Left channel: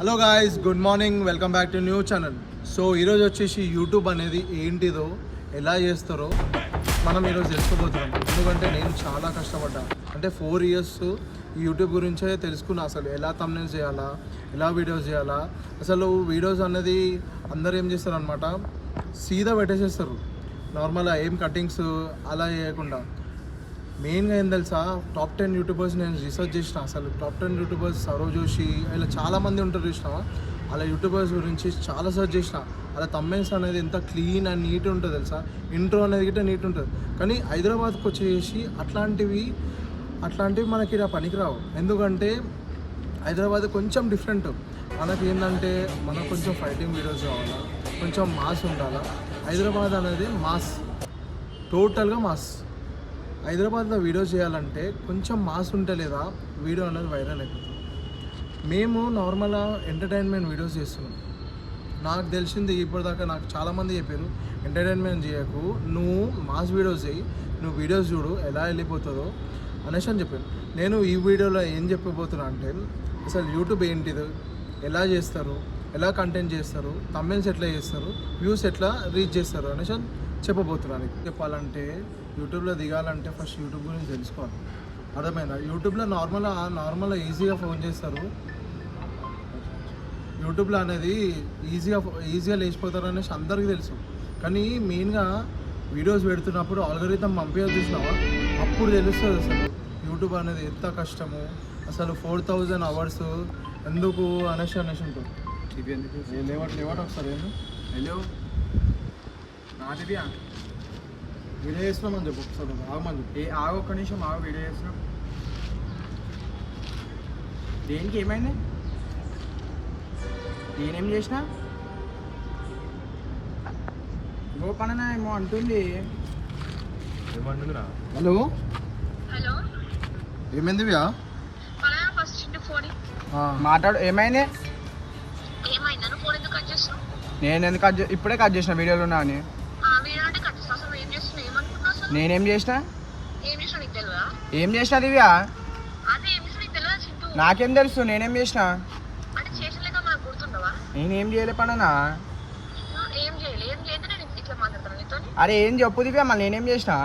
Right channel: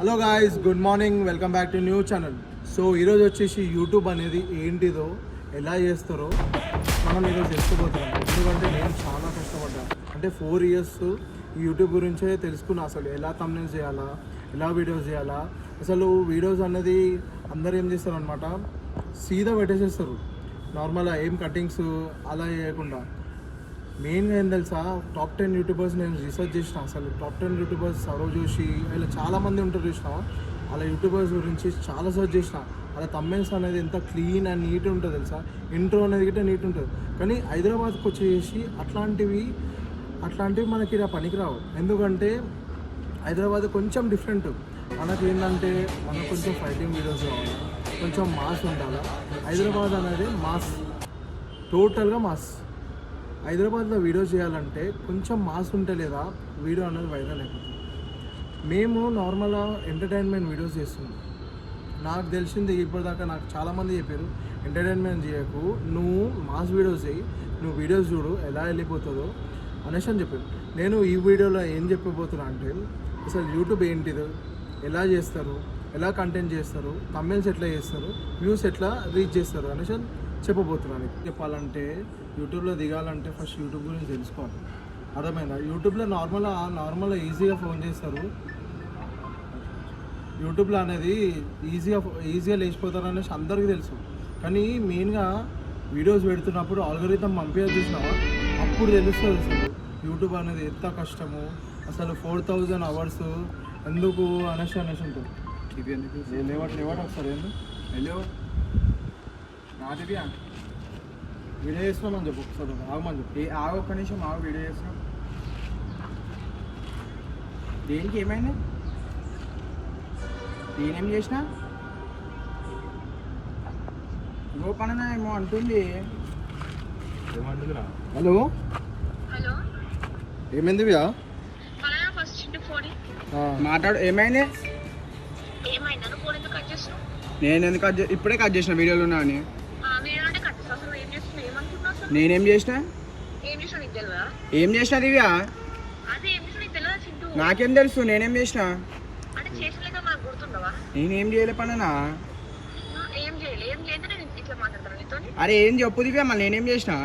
Hello guys, good morning, welcome back to new channel. So ఈరోజు వచ్చేసి YouTube అనేది ఏంటిదో, ఎలా చేస్తారో మనం ఈరోజు తెలుసుకోబోతున్నాం. ఎందుకంటే నేను చాలా కష్టపడ్డా. అంటే 4 years యూట్యూబ్ గురించే తెలుసుకున్నా. అసలు ఎలా థంబ్నెయిల్స్ చేయాలా, ఎలా వీడియోస్ చేయాలా. అసలు వీడియోస్ అనేది అందరు ఏం చేస్తారు అనమాట, సీదా పెట్టేసేస్తారు. నార్మల్గా ఏం కటింగ్స్ అలా చేయకుండా. మెయిన్గా ఏం తెలుసా, టాప్ 10 యూట్యూబర్స్ నేను రీసెర్చ్ చేసిన. అసలు టాప్ 10 యూట్యూబర్స్ సౌరవ్ జోషి ఇలా చాలామంది ఉంటారు చూసిన. అలా యూట్యూబర్స్ గురించి చాలా సెర్చ్ చేసిన. అలా థంబ్నెయిల్స్ అనేది ఎంత క్లీన్ అండ్ నీట్ ఉంటుంది తెలుసా. ఇంట్రో అనేది గిట్ట నీట్ ఉంటుంది. కానీ హైదరాబాద్కి వచ్చేసి అట్లాంటివి మనకి ఇలా పనికిరావు. ఎందుకంటే హైదరాబాద్ కొంచెం డిఫరెంట్. మనకి ఏంటంటే మనకు కొంచెం ఫైటింగ్ వీడియోస్ కావాలా, కొంచెం మాస్ ఉండాలా. హైదరాబాద్ అనేది మాస్, టోటల్గా మాస్. హైదరాబాద్లో వీడియో చేయాలంటే కొంచెం మాస్ ఉంటే లేదా వీడియో అనేది వైరల్ అయిపోతుంది. మేము నార్మల్గా ఎంటర్టైన్మెంట్ వీడియోస్ చేస్తున్నాం. నాకు తెలిసింది ఇప్పటిదాకా నాకు చాలామంది చెప్పారు, ఎంటర్టైన్మెంట్ చేయకు, నువ్వు మాస్ వీడియోస్ చేయి, నువ్వు వీడియోస్ చూడు ఎలా వెళ్ళిపోతుందో అనేసి అని చెప్పాను. నేను ఈ వీడియోలో ఏం చెప్పబోతున్నా అంటే, అసలు యూట్యూబ్ ఏంటిది, ఎలా చేస్తారు, ఎలా కంటెంట్ చేస్తారు, థంబ్నెయిల్స్ ఎట్లా చేస్తారు, వ్యూస్ ఎట్లా రీచ్ చేస్తారు అనేసి చెప్పబోతున్నాను. చెప్పాలంటే యూట్యూబ్లో దిగాలంటే ఫస్ట్ యూట్యూబ్ గురించి తెలుసుకోవాలి. అర్థమైందా? యూట్యూబ్లో నార్మల్గా ఈజీగా ఫోన్ చేస్తారు. యూట్యూబ్లో అనేది ఈజీగా లేచిపోతారు అనేసి అందరికీ తెలుసు. కానీ మెయిన్గా వీడియోస్ పెడుతున్నప్పుడు ఆల్గోరిథం పంపించాలి చూసినావా, అప్పుడు తెలుస్తుంది అసలు యూట్యూబ్ అనేది ఎంత కష్టము. అసలు 4000 hours ఎందుకు అనేసి ఉంటుంది. లేవట ఒకసారి ఏంది. హలో నా దివ్యా, వీడియో చేస్తున్నామని చెప్పు ఒకసారి. ఆగమని చెప్పు. ఆగు, ఒక్క నిమిషం ఆగు, వీడియో చేస్తున్నాం. దేనికి ఏమైంది? నేనేం చేసినా? ఇంకో పననా ఏమో అంటుంది. ఏమంటుందిరా? హలో హలో, ఏమైంది దివ్యా? మాట్లాడు, ఏమైంది? ఏమైందని ఫోన్ ఎందుకు కట్ చేస్తున్నావు? నేను ఎందుకు ఇప్పుడే కట్ చేసిన వీడియోలో ఉన్నా అని. వీడియోనే కట్ చేస్తావు. అసలు ఏం చేస్తున్నావు, ఏమనుకుంటున్నావు? అసలు నేనేం చేసినా? ఏం చేసినా నీకు తెలియదా? ఏం చేసినా దివ్యా? అదే ఏం చేసినా నీకు తెలియదా చింటూ? నాకేం తెలుసు నేనేం చేసినా? అంటే చేసలేక మనకు గుర్తుండవా? నేనేం చేయలే పననా. ఏం చేయలేదు, ఏం లేదు. నేను ఇట్లా మాట్లాడతాను నీతో. అరే ఏం చెప్పు దివ్యా, మళ్ళీ నేనేం చేసినా?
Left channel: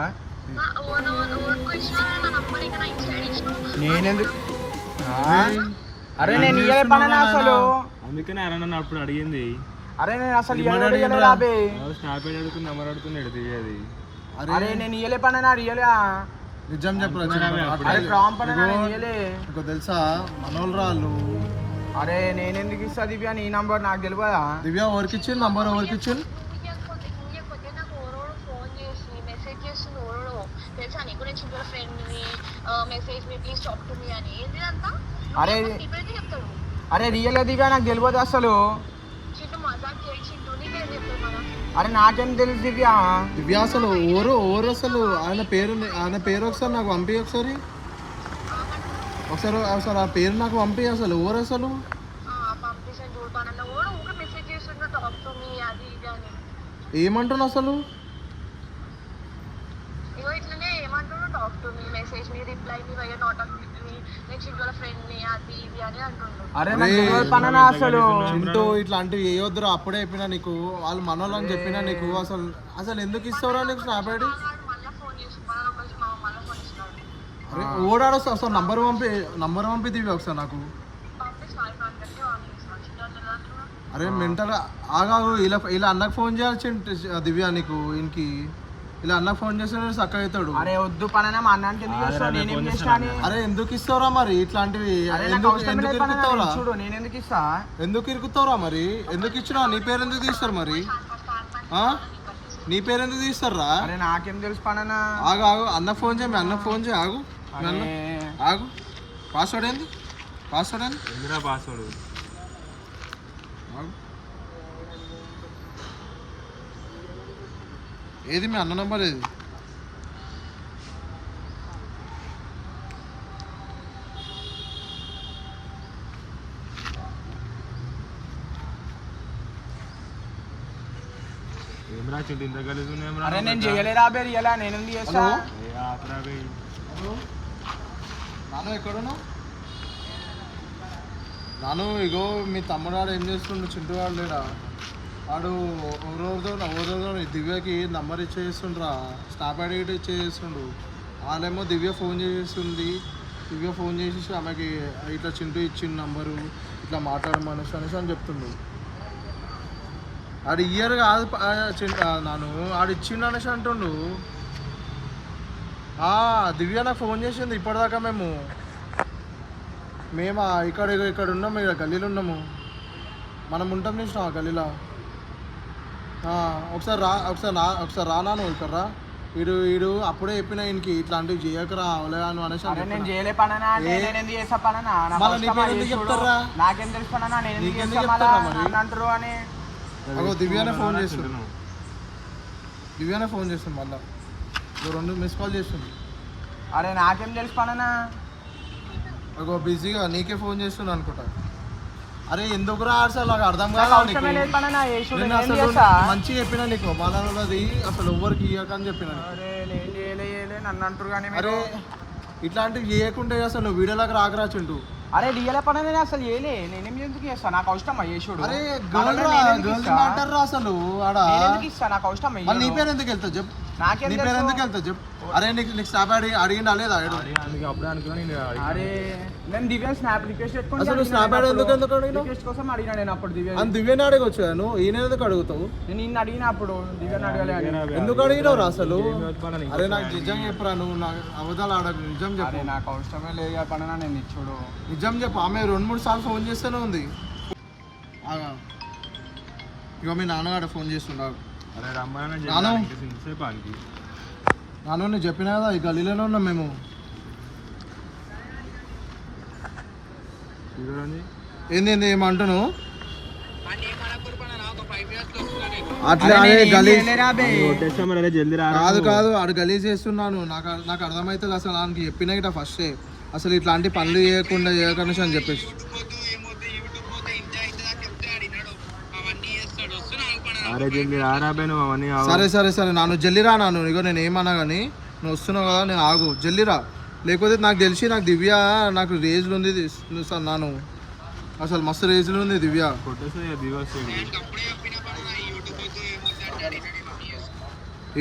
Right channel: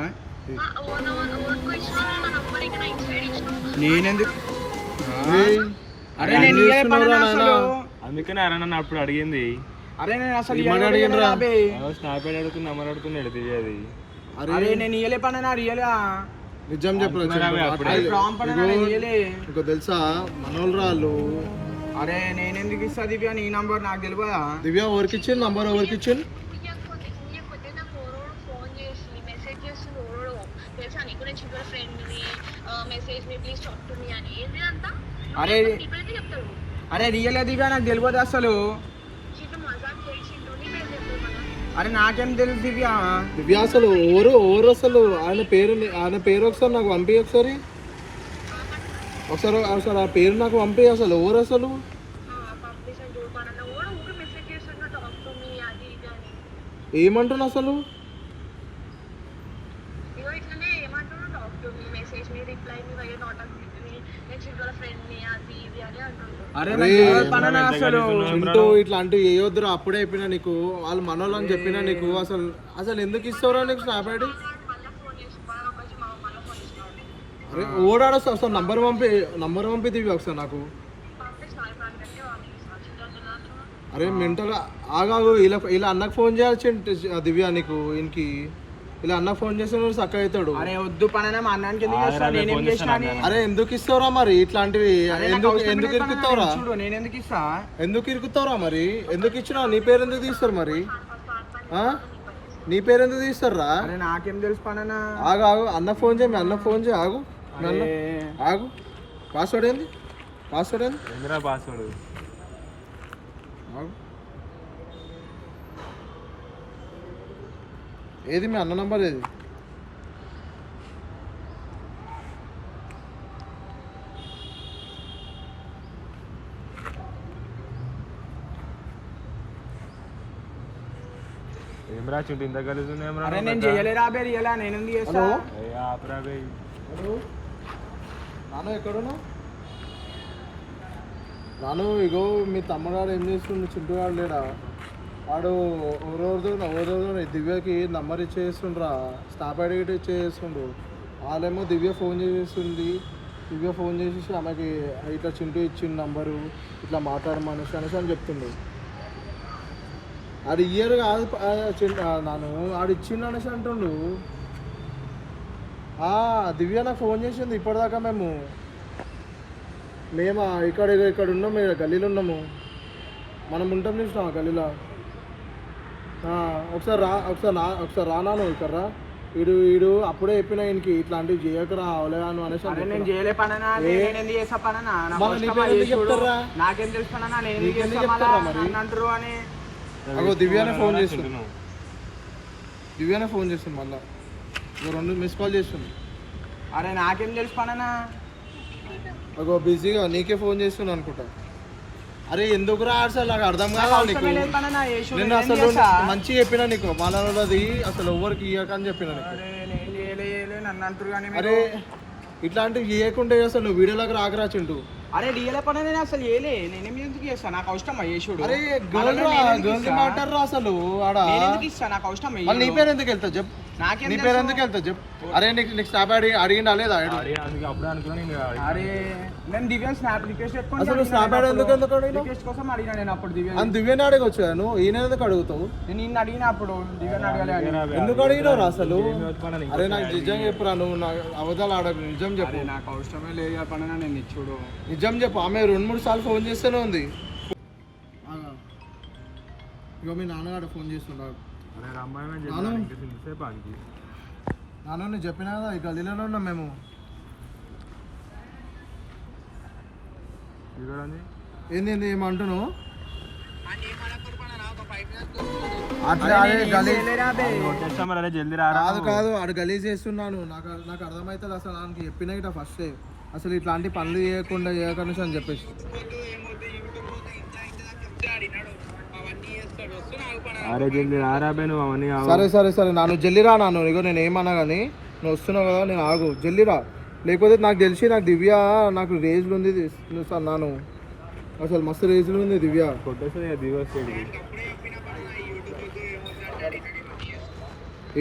నేనెందుకు? అరే నేను ఇయ్యలే పననా అసలు. అందుకనే అరణ అప్పుడు అడిగింది. అరే నేను అసలు స్నాప్ అడుగుతుంది, అమ్మని అడుగుతున్నాడు తెలియదు. అరే నేను ఇయ్యలే పననా, అడిగలే. నిజం చెప్పు. నీకు తెలుసా మనోళ్ళు రాళ్ళు. అరే నేనెందుకు ఇస్తా దివ్య, నీ నంబర్ నాకు తెలియదా? దివ్య ఎవరికి ఇచ్చింది నంబర్? ఎవరికి ఇచ్చింది? ఫోన్ చేసి మెసేజ్ చేస్తుంది ఓడో తెలుసా నీకు? నేను చింటూ ఫ్రెండ్ని, message me please talk to me అని. ఏంటి అంతా? అరే ఇప్పుడైతే చెప్తాడు. అరే రియలే దివ్య, నాకు తెలియదు అసలు. చింటూ మజాక్ చేసి చింటూ నీ పేరు చెప్తాడు మనం. అరే నాకేం తెలుసు దివ్య. దివ్య అసలు ఎవరు అసలు ఆయన పేరు ఒకసారి నాకు పంపి. ఒకసారి ఆ పేరు నాకు పంపి. అసలు ఎవరు అసలు? పంపిస్తాను చూడు పనన్న. ఓడు ఊరికే మెసేజ్ చేస్తుంటాడు టాక్ టు మీ అది ఇది అని. ఏమంటున్నా అసలు? ఇగో ఇట్లనే ఏమంటున్నాడు, talk to me, message me, reply me, why not on me, నేను చింటూల ఫ్రెండ్ని అది ఇది అని అంటుండు. అరే అసలు చింటూ ఇట్లాంటివి వేయొద్దురా. అప్పుడే చెప్పినా నీకు, వాళ్ళు మనోళ్ళు అని చెప్పినా నీకు. అసలు ఎందుకు ఇస్తావురా నీకు స్నాప్ ఐడి? మళ్ళీ ఫోన్ చేసి మళ్ళీ ఫోన్ చేసినాడు. అరే ఓడాడు అసలు నంబర్ పంపి దివ్య ఒకసారి నాకు. అరే మెంటల్ ఆగాగు. ఇలా అన్నకు ఫోన్ చేయాల్సి దివ్య నీకు. ఈయనకి ఇలా అన్నకు ఫోన్ చేస్తే చక్క అవుతాడు. అరే వద్దు పననా, మా అన్నానికి ఎందుకు ఇస్తా? నేనేం చేసినా? అరే ఎందుకు ఇస్తావురా మరి ఇట్లాంటివి? ఎందుకు ఇరుకుతావురా? చూడు నేను ఎందుకు ఇస్తా? ఎందుకు ఇరుకుతావురా మరి? ఎందుకు ఇచ్చినావు? నీ పేరు ఎందుకు తీస్తారు మరి? నీ పేరు ఎందుకు తీస్తారా? అరే నాకేం తెలుసు పననా. ఆగు అన్న ఫోన్ చేయి. మీ అన్న ఫోన్ చేయి. ఆగు ఆగు. పాస్వర్డ్ ఏంది? ఎందురా పాస్వర్డ్? ఆగు. ఏది మీ అన్న నంబర్ ఏది? ఏం రాచుంటే ఇంత కలిసి అరే నేను చేయలేరా బే రియలా, నేను ఎందుకు చేస్తా? హలో నాన్న ఎక్కడున్నా? నాను ఇగో మీ తమ్ముడు వాడు ఏం చేస్తుండు, చింటూ వాడు లేడా, వాడు ఓరోజు దివ్యకి నంబర్ ఇచ్చేస్తుండ్రా, స్టాప్ ఐడి ఇచ్చేస్తుండు. వాళ్ళేమో దివ్య ఫోన్ చేసేస్తుంది, దివ్య ఫోన్ చేసేసి ఆమెకి ఇట్లా చింటూ ఇచ్చిన నంబరు ఇట్లా మాట్లాడు మనిషి అనేసి అని చెప్తుండు. ఆడు ఇయర్ కాదు నాను, ఆడు ఇచ్చిండు అనేసి అంటుండు. దివ్య నాకు ఫోన్ చేసింది ఇప్పటిదాకా. మేము ఇక్కడ ఉన్నాము, ఇక్కడ గల్లీలో ఉన్నాము, మనం ఉంటాం చూసినా గల్లీలో. ఒకసారి రానాను ఇక్కడ రా. ఈడు అప్పుడే చెప్పిన ఈయనకి ఇట్లాంటివి చేయకరా అవలేను అనేసి మళ్ళీ నీ పేరు ఎందుకు చెప్తారా, నీకెందుకు చెప్తారా మరి. అగో దివ్యానే ఫోన్ చేస్తున్నాను, మళ్ళీ నువ్వు 2 మిస్ కాల్ చేస్తుంది. అరే నాకేం తెలుసు పననా, అగో బిజీగా నీకే ఫోన్ చేస్తున్నా అనుకుంటా. అరే ఎందుకు రా అసలు నాకు అర్థం కాదు నీకు. నేను అసలు మంచిగా చెప్పినా నీకు, మనది అసలు ఎవరికి ఇవ్వకని చెప్పినా నీకు. నన్ను అంటారు కానీ అరే ఇట్లాంటివి చేయకుంటే అసలు నువ్వు వీడియోలోకి రాకరా చింటూ. అరే డిఎల పని నేను అసలు ఏలే, నేనేం ఎందుకు చేస్తాను, నాకు అవసరమా యేసుడు. అరే గర్ల్ మ్యాటర్ రా అసలు ఆడ. నాకు అవసరం నీ పేరు ఎందుకు వెళ్తావు చెప్పు, నీ పేరు ఎందుకు వెళ్తావు చెప్పు. అరే నీకు స్నాప్ అడిగిండా లేదా? అప్పుడే అనుకున్నా. అరే నేను దివ్య స్నాప్ రిక్వెస్ట్ పెట్టుకుని అసలు స్నాప్ ఎందుకు రిక్వెస్ట్ కోసం అడిగినా నేను అప్పుడు దివ్య. దివ్యని అడగొచ్చు నువ్వు, ఈయన ఎందుకు అడుగుతావు? నేను నిన్ను అడిగిన అప్పుడు దివ్యని అడగాలి. ఎందుకు అడిగినావు అసలు? అరే నాకు నిజం చెప్పురా, నువ్వు నాకు అవధాలు ఆడకు, నిజం చెప్పు. నాకు అవసరమే లేదు పడనా, నేను ఇచ్చుడు నిజం చెప్పు. ఆమె 2-3 సార్లు ఫోన్ చేస్తూనే ఉంది. ఇగో మీ నాన్నగాడు ఫోన్ చేస్తున్నాడు. నాన్న నేను చెప్పినా కదా, ఈ గల్లీలోనే ఉన్నాం మేము. ఏంది ఏమంటున్నావు? అట్లా కాదు ఆడు గలీజ్ చేస్తున్నాను. నాకు అర్థమవుతుంది అసలు. ఆయనకి చెప్పినా గిట్ట ఫస్టే అసలు ఇట్లాంటి పనులు చేయకుండా అని చెప్పేసి. సరే నాను జల్లిరా. నాను ఇగో నేను ఏమన్నా కానీ నువ్వు వస్తున్నావు కదా, నేను ఆగు జల్లిరా. లేకపోతే నాకు తెలిసి నాకు దివ్య నాకు రేజ్లు ఉంది సార్. నాను అసలు మస్తు రేజ్లు ఉంది దివ్య.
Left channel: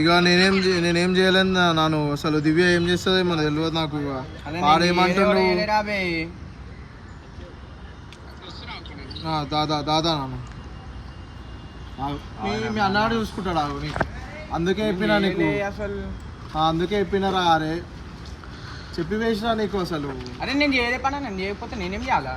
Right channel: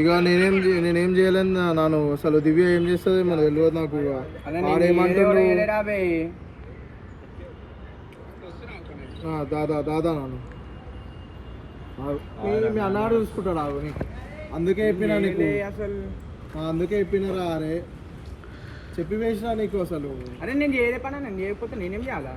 ఇక నేనేం చేయలేను నాను. అసలు దివ్య ఏం చేస్తుంది మన తెలియదు నాకు. వాడేమంటుండు దాదా నాను మీ అన్నాడు చూసుకుంటాడు ఆగు నీకు. అందుకే చెప్పినా నీకు, అందుకే చెప్పినారా. అరే చెప్పి వేసినా నీకు అసలు. అరే నేను చేయలే పని, నేను చేయకపోతే నేనేం చేయాలా?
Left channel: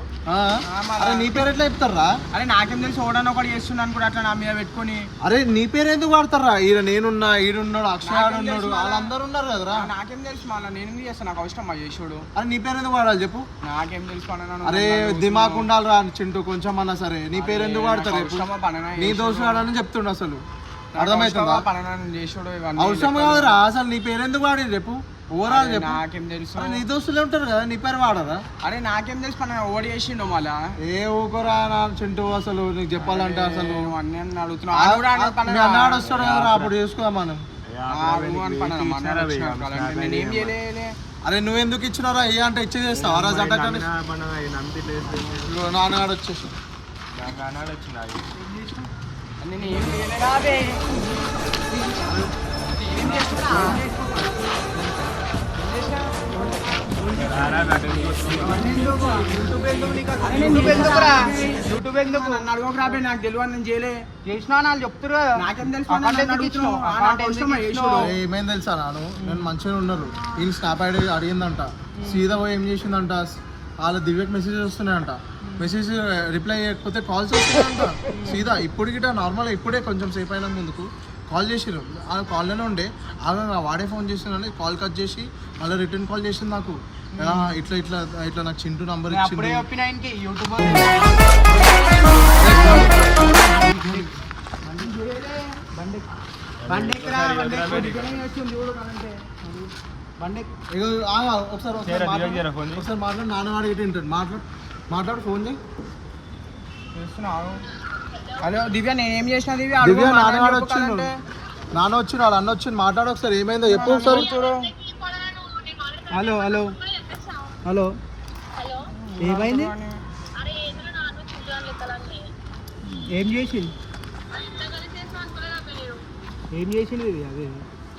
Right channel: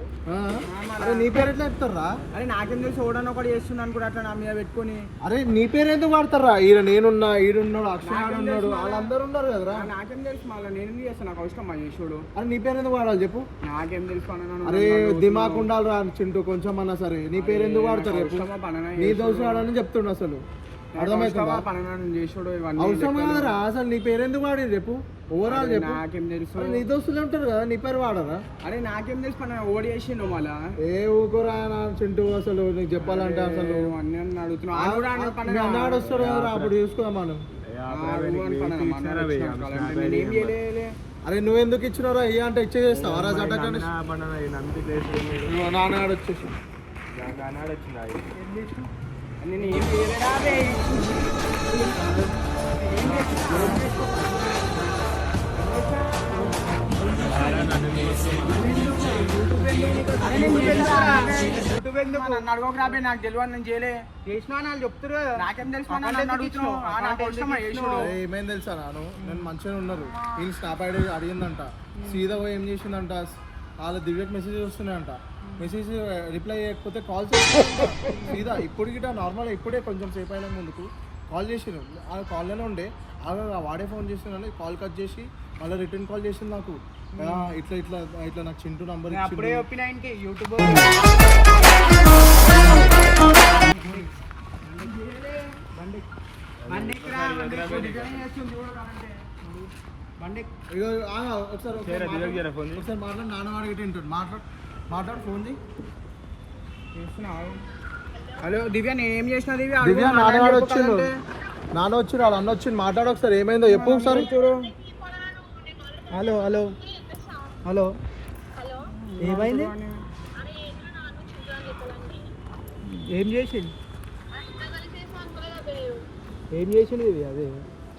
అరే నీ పేరు ఎట్లా చెప్తారా? అరే నాకేం తెలిసి ఓడని ఒకటి చేస్తున్నాను కూడా అట్లా నా మీద పెట్టుకొని. అరే నీ పేరు ఎందుకు వాడతారా? నేనున్నా, ఈడున్నాడు, అక్షయాడు ఉన్నాడు, వాళ్ళందరూ ఉన్నారు కదరా. నాకేం తెలుసు మళ్ళీ నేనేం చేస్తాను, నాకు అవసరం మా చేసుడు. అరే నీ పేరు ఎందుకు వాడాలి చెప్పు? నాకేం తెలుసు పని. అరే దిమాకు ఉండాలి రా చింటూ కొంచెం అన్నా సరే. నీ పేరు ఎందుకు వాడతారు రేపు? నీ దోషం ఆడని చెప్తుండు అసలు. అర్థమవుతుందా? అవసరం కాదురా అసలు. నీ పేరు ఎందుకు వాడి రేపు? ఓవరాల్ చెప్పు. నాకేం తెలుసు, నీ దోస్తులు ఉంటారు కదా, నీ పేరు వాడరా? అరే నాకేం తెలుసు పని, ఓడి చేసిండు మళ్ళా. ఊకోరా నా చింటూ అసలు. నీకు చెప్పాలంటే అసలు అడుగుతున్నా. మీ అన్నాడు వస్తాడు కదా, అప్పుడు చూసుకుందాం మనం. అరే నువ్వెందుకు ఇచ్చినారా? ఏ అంటే ఇచ్చేస్తావు రాజు అడ్డకాని. నాన్నగాడు వచ్చేసి నన్ను అడగకు రాబే, నాకు తెలియదు, నేను చేయలే. చేసినా వాళ్ళు చెప్తారు, నాకేం తెలుసు. ఏమేం తెలుసా నాను, నేను మంచిగా ఉన్నాను. వీళ్ళు స్నాప్ ఐడి అడిగిందంట, సీదా పోయి ఏం చేసిందంట, వాళ్ళ దివ్యకి మెసేజెస్ వస్తున్నాయంట. మెసేజ్ రిప్లై చేయకపోతే కాల్స్ వస్తున్నాయంట సీదా. ఇప్పుడు గిట్ట నార్మల్ ఇప్పుడే కొంచెం సేపు అయినా ముందుకు కాల్ చేసిరు. ఆ కాల్లోనే ఉండే ఆమె వాడే ఫోన్ చేసినాను, కాల్ కట్ చేసి మళ్ళీ రిటర్న్ కాల్ చేసింది నాకు. ఇట్లా ఇట్లా ఇట్లా నాకు చింటూ నంబర్ ఇచ్చింది. ఒకసారి మాట్లాడు, నాన్నవాడు ఇటు ఉంటాడు. మాట్లాడు ఫోన్ చేయి. హలో దివ్య, నేనేం చేసిన దివ్య? దివ్య నాన్నవాడు వచ్చిండు, నాన్న వచ్చిండు, వాళ్ళ అన్న వచ్చిండు. మాట్లాడు ఒకసారి, ఏమైందో చెప్పు ఒకసారి. హలో హలో హలో ఏమైంది? ఏం చేసింది ఇంత కలిసి చేసిన అనుకోలేదా పేరు ఏం చేసింది ఇది అదే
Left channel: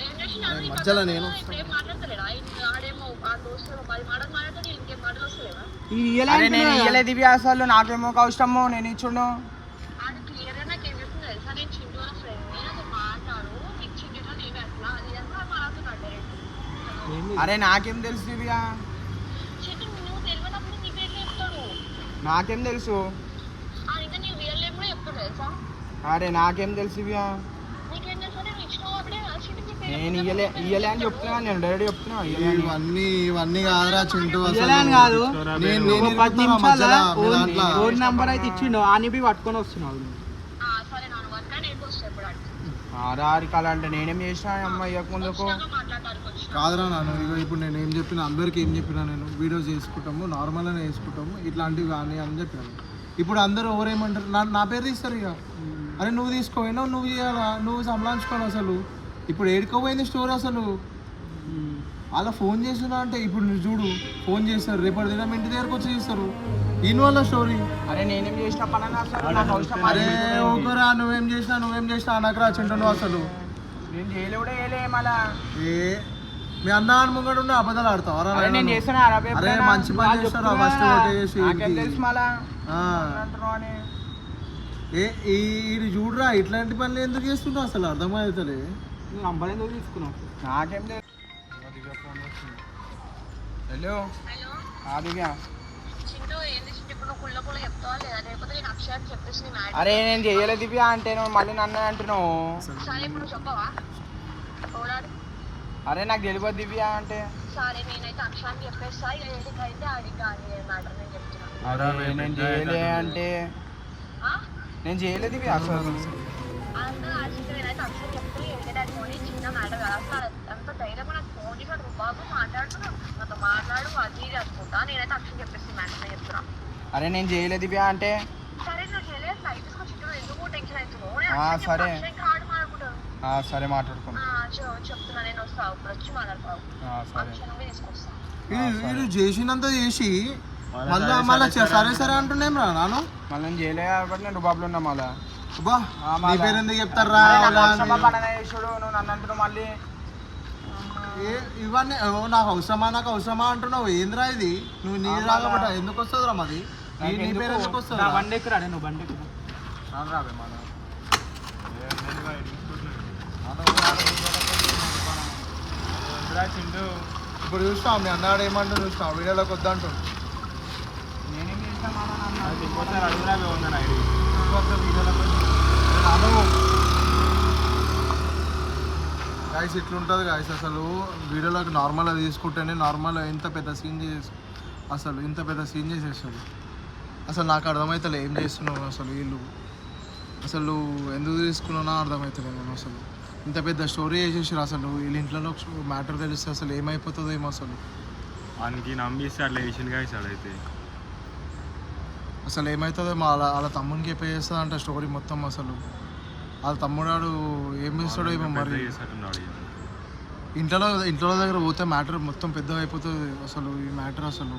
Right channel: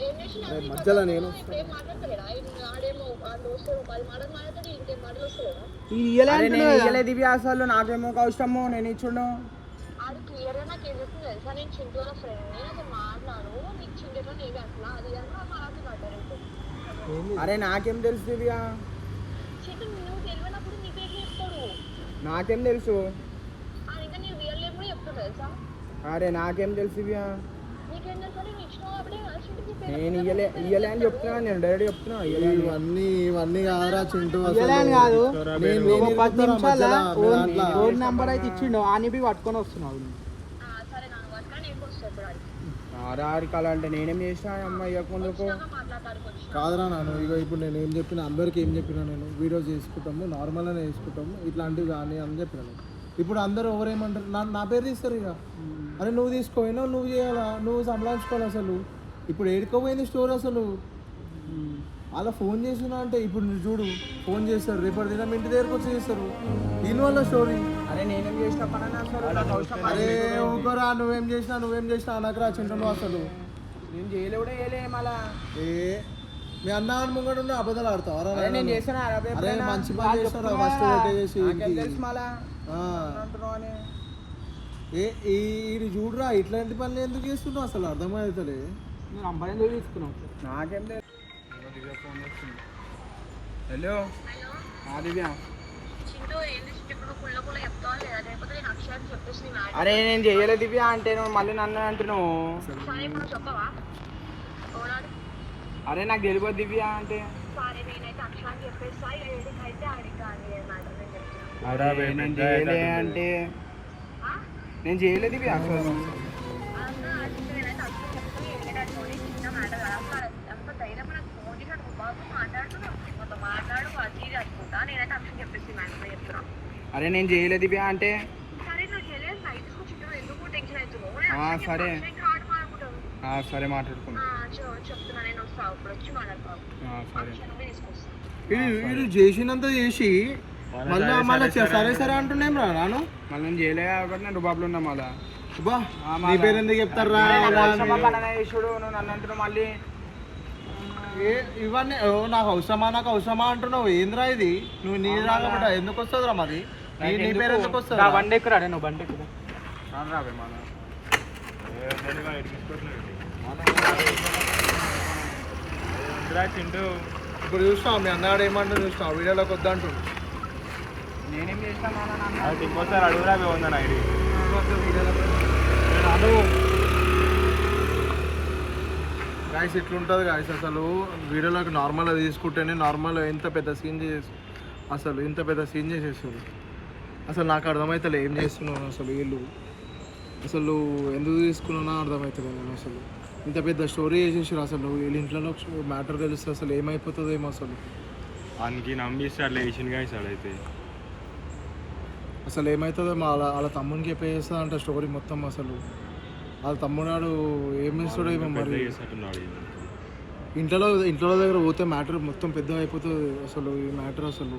ఏం చేసినా మధ్యలో నేను ఇప్పుడు ఏం మాట్లాడతలేడా ఆడేమో ఆ దోస్తు 10 మాటలు మాట్లాడితే ఇంకేం మాటలు వస్తలేదా ఇయ్యలేదు ఇవి అసలు నాకేమో ఒక అవసరమో నేను ఇచ్చుండు అది క్లియర్ గా నాకు ఏం చెప్తుంది తెలుసా నేను చింటూ వాళ్ళ ఫ్రెండ్ నేను అసలు మాట్లాడు నీకు చింటేట్లో లేవి అట్లా అది అంతా మాట్లాడుతున్నాడు అరే నాకేం తెలుసు దివ్యా చింటూ నువ్వు తెలియనప్పుడు నీ పేరు చెప్తాడు నాకేం తెలుసు అయితే నేను రియల్ లైఫ్ లో చెప్తాడు తెలుసా అరే నాకేం తెలుసు దివ్యా నీకేం తెలుసా నేను ఇచ్చినావు అప్పుడే ఆ చింటూ నీ పేరు నేను ఇయ్యలే అని చెప్తున్నా నేను డైరెక్ట్ చెప్తున్నా ఇయ్యలే అని. ఇవన్నీ కాదురా చింటూ ఇయ్యలే అని కాదు నేను నువ్వు 10 నిమిషాల మధ్యలో ఓన్ నంబర్ అయితే ఇచ్చిండు అని పోయి పట్టుకొని వస్తున్నావు నువ్వు. సరే నాన్న వర్క్ నేను వస్తాను ఇప్పుడు అడిగి ఆరారి కళ అంటే నేనేం చేసినా అమ్మ ఇయ్యక ముందుకు మాట్లాడడానికి వచ్చి కాదురా నాన్న ఇగో ఇప్పుడు నేను ఏం చెప్పిన అందరికి ఏం చెప్పినా నేను వీడియోస్ చేసుకుంటాము నార్మల్గానే చేసుకుంటాము ఇట్లాంటివి కానీ అని చెప్పినాను ఇప్పుడు అందరూ ఎవరేమంటారు నా పేరు తీస్తారు ఇక అరే నువ్వు తీసుకోపోయినావు నువ్వు చేయాలా నువ్వు సంభాళించుకోవాలి అసలు ఇప్పుడు ఏడుకోపోయింది స్టోర్ అసలు అలా ఫోన్ చేసినా అంటే ఇప్పుడు నువ్వు చూడు ఫోన్ చేస్తారు రేపటి దినం ఇంటి దగ్గరకు వచ్చి చేస్తారు దీనివల్ల స్టోరీ అరే నేనేం చేసిన పని అసలు నాకు అవసరం అరే ఊకరా నువ్వేం చేసినా అనకరా చింటూ నువ్వు అసలు నేను చేయలే కూడా చేయలే మళ్ళా ఏ మీ అన్న ముంగడు ఉన్న అబద్ధాలు ఆడతావరా అరే నేను చేస్తాను అరే మంచి పని చేస్తారా ఫస్ట్ కొట్టేసి నాకేం తెలుసు మళ్ళా ఆ. అంటున్నావు అని ఇది చూడరా ఇట్లాంటి పనులు ఎందుకు చేస్తున్నావు అసలు అర్థమవుతలే నువ్వు నంబర్ ఎందుకు తీసుకున్నావు నాకేం తెలుసు హలో దివ్య చింటూ ఏంది చింటూ ఇప్పుడు నువ్వు కుళ్ళ చెప్తావా లేదా లేకపోతే నేను అక్షరాన్ని చెప్పేసి నీ మ్యాటర్ అరే నేను చేయలే దివ్య అంటే నువ్వు మళ్ళీ నన్ను అంటున్నావు సరే ఇప్పుడు చెప్పవా చూడాలి అరే నాకు తెలియదు దివ్య అంటే సరే నేనైతే అక్షరాన్ని చెప్పేస్తా ఏడికైతే అది కాదు మ్యాటర్ నేను చెప్తున్నా అవురా బే, నేను పెద్ద చేయలే అవుతుంది. అంటే ఆ? నేను చేయలేదు దివ్య అసలు అంతా ఆ చింటూ నేనైతే అక్షరం చెప్తే ఎందుకంటే అది ఓన్లీ చిన్న మ్యాటర్ కాదు అసలు అంత ధైర్యం నాకు ఫోన్ చేసి అది బాబు మాట్లాడుతున్నా నాతో మాట్లాడు అది ఇది అనుకుంటా నేనైతే అక్షరం చెప్పేసి మ్యాటర్ చెప్తున్నా అరే నేను చేయలేదు దివ్య అంటే సరే నువ్వు తెలియదు లైఫ్ చింటూ ఎందుకు టెన్షన్ అవుతున్నావు ఆ, సరే. ఆడు మాట్లాడుకుంటాను సరే మాట్లాడుకున్నా చెప్తున్నా నేను వస్తా ఇప్పుడు వచ్చి మాట్లాడతావు సరే అక్షరమే తీసుకొస్తా ఇది చేసినంత చేసి మళ్ళీ సరే సరే అంటుండేం రా నాను మళ్ళీ నేను చేయలే కాబట్టి నేను రుబాబులో ఉన్నా మళ్ళా బా నీ పేరు ఎందుకు చెప్తారా చేసాడు నువ్వు నన్ను అంటున్నావు మళ్ళీ ఇవన్నీ నాకు అవసరమా అంటున్నావు ఏంద్రా ఇది నువ్వు నీ రాకపోతే ఎందుకు వస్తుందిరా మాది నీ పేరు ఎందుకు వస్తుంది బండి ఎక్కురా నువ్వు బండి ఎక్కురా రాను రాబే మళ్ళా మెల్లిగా ఎడిగించుకుంటున్నావు ఏందిరా చింటూ ఇప్పుడు చూస్తావు మీ అన్నాడు ఏమంటూ చూస్తావు వీడియోలోకి వద్దంటుంది నేనేం చేస్తా మళ్ళా నన్ను అది ఇంకోసారి అడుగురా బే ఉందని ఐడి గాయస్ ఇట్లుంటుంది గాయస్ అసలు వీడియోలోకి నార్మల్గా తీసుకుంటేనే నార్మల్ ఇంత పెద్ద సీన్ చేసేస్తుంది అసలు నాకు అర్థమవుతలే ఏం చేస్తున్నాను అసలు వీళ్ళు అసలు ఎందుకు తీసుకున్నానో అర్థమవుతలేదు అసలు ఇంత పెద్ద స్టోరీ చేసేసారు అసలు వీళ్ళ ఇంట్లో మ్యాటర్ తెలిస్తే అసలు ఏమైపోతుందో ఏమో అసలు వానికి నమ్మిస్తే అట్లా వేసిండుగా ఇస్తాడు అయితే అసలు ఏమవుతుందో వాళ్ళ తమ్మునికి చెప్పేస్తా అంటే స్టోరీ మొత్తం అసలు వాళ్ళ తమ్ముడాడు ఏం చేస్తాడో ఏమో పెద్ద మరి చేసినట్టున్నాడు ఈయన. ఇంట్లో దగ్గర పోతే మ్యాటర్ మొత్తం పెద్దగా అయిపోతుంది అసలు ఈ మ్యాటర్ అసలు